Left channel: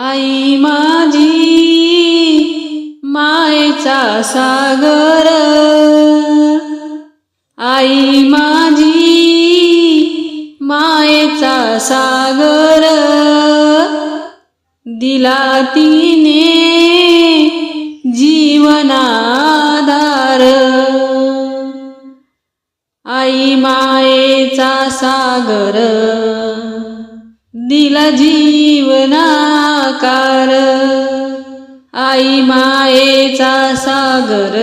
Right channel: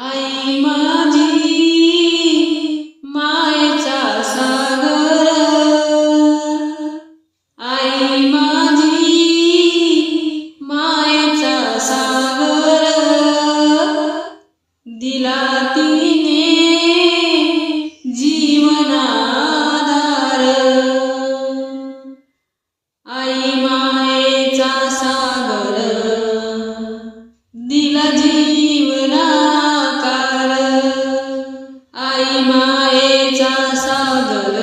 आई माझी मायेचा सागर. आई माझी मायेचा सागर. दिला तिने जीवनाधार. आई मायेचा सागर. दिला जीवना जीवनाकार आई मायेचा सागर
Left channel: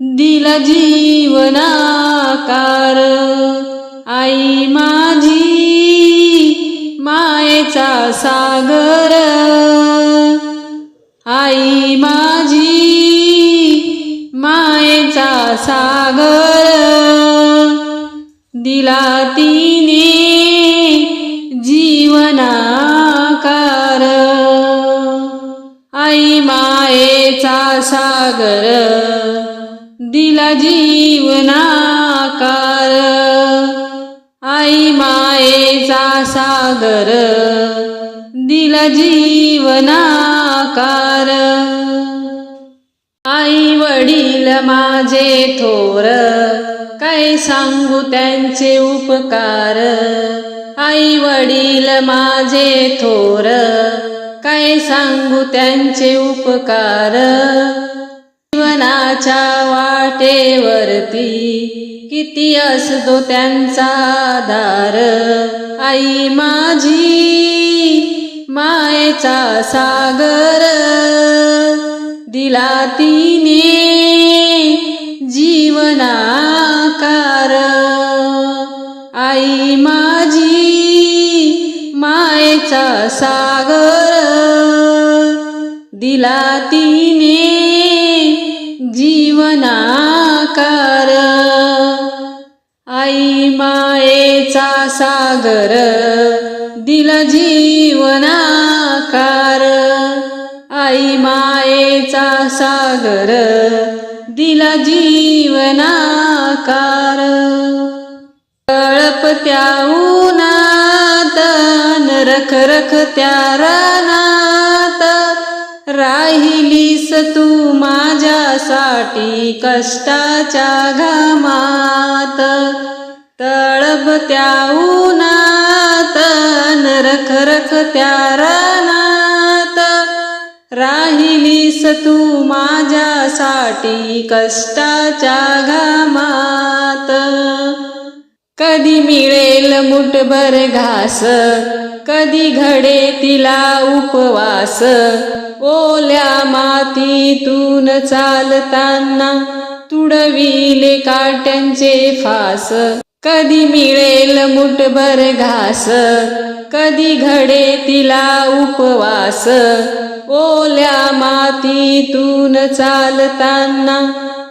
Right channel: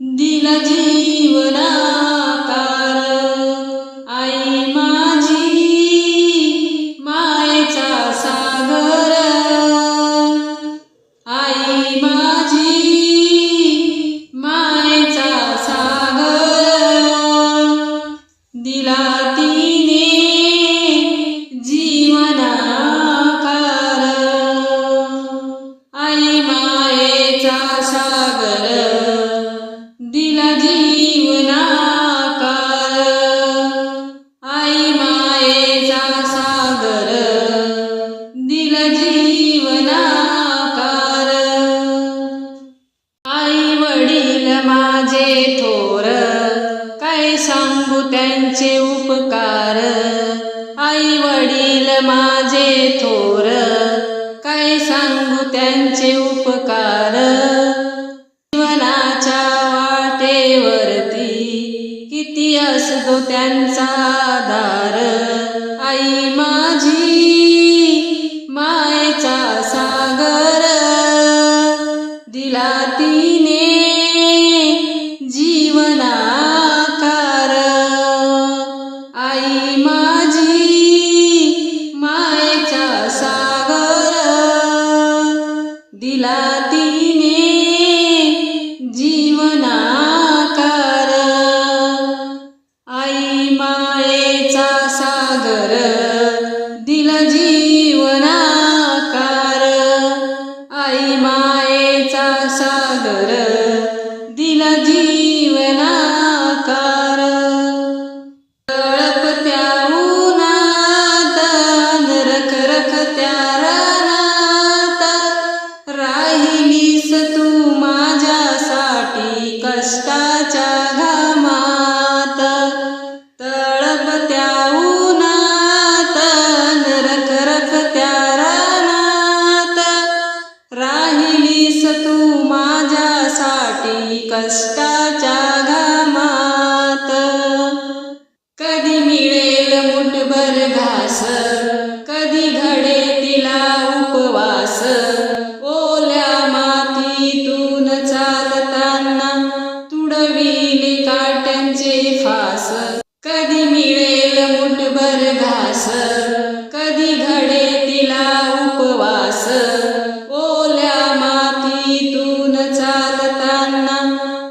दिला जीवनाकार. सागर दिला जीवनाकार. आई वडील माझे थोर काय सांगू त्यांचे उपकार? आई वडील माझे थोर काय सांगू त्यांचे उपकार? जीवनाच्या वाटेवरती किती असतो त्यांचा आधार आई माझी मायेचा सागर. दिला तिने जीवनाकार. आई माझी मायेचा सागर. दिला तिने जीवना सागर दिला जीवनाकार. आई मायेचा सागर दिला जीवनाकार. तळपत्या उन्हात रख त्या रानात राहिलीस तू माझ्यासाठी कष्टाच्या घामात. तळपत्या उन्हात रख रख त्या रानात. राहिलीस तू माझ्यासाठी कष्टाच्या घामात. कधी मिळेल मुठभर घास कधी घडे तिला उपवास. ओल्या मातीतून चालताना तुडविले काट्यांचे फास. कधी मिळेल मुठभर घास कधी घडे तिला उपवास. ओल्या मातीतून चालताना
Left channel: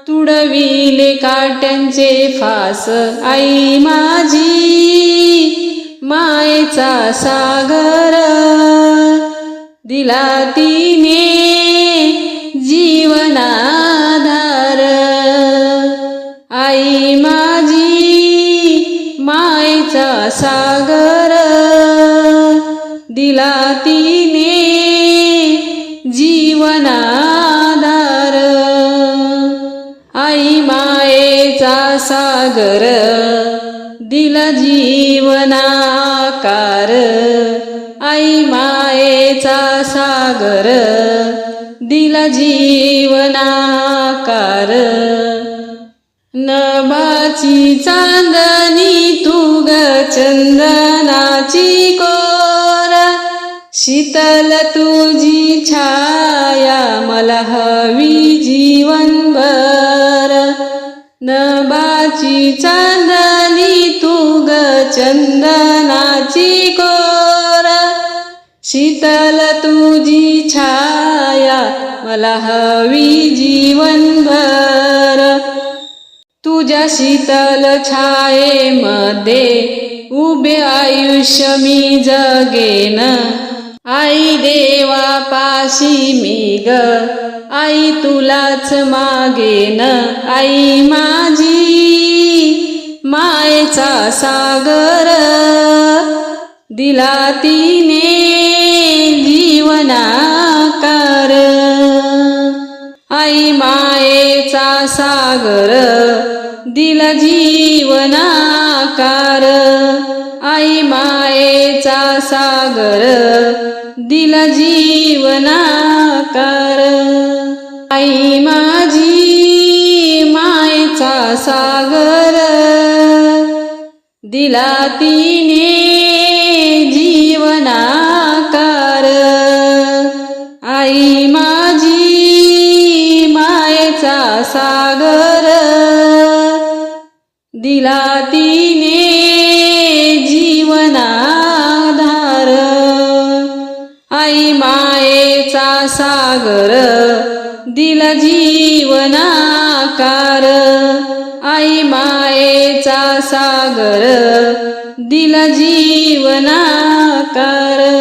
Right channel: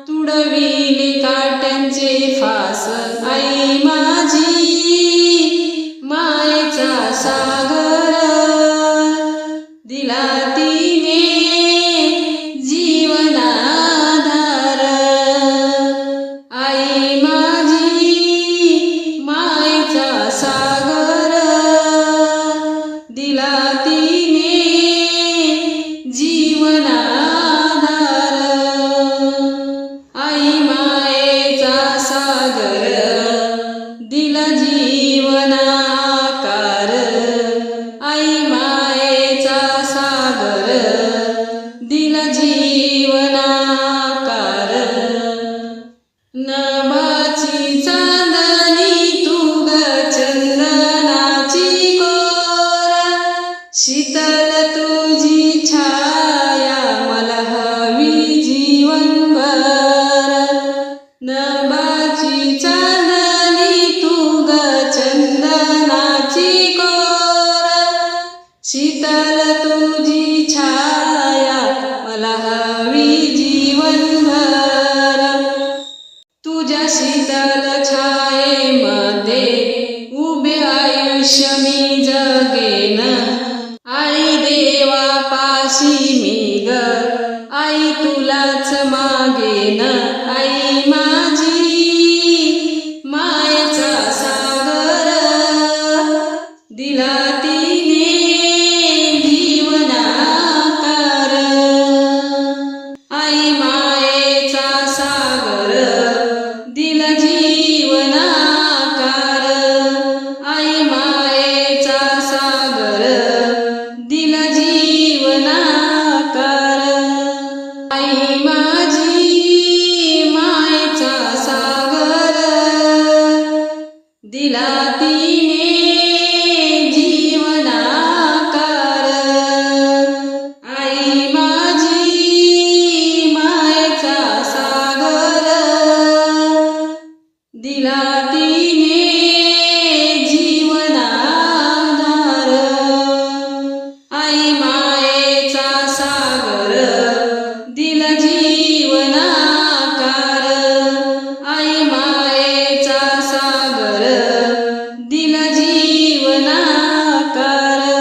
तुडविले काट्यांचे फास. आई माझी मायेचा सागर दिला तिने सागर दिला तिने जीवनाधार. आई मायेचा सागर दिला जीवनाकार. आई मायेचा सागर दिला जीवनाकार. नभाची चांदणी चंदनाची कोर शीतल तुझी छाया मला हवी जीवनभर नबाची चांदणी तू ग चंदनाची कोर शीतल तुझी छाया मला हवी जीवनभर तुझ्या शीतल छायेमध्ये उभे आयुष्य मी जगेन. आई देवा पाशी मी ग. आई तुलाच मागेन. आई माझी मायचा सागर. दिला तिने जीवनाकार. आई मायेचा सागर. दिला जीवनाकार. सागर दिला जीवनाकार. आई माझी मायचा सागर. दिला तिने जीवनाकार. आई माझी मायचा सागर. दिला तिने जीवनाकार. आई मायेचा सागर दिला जीवनाकार.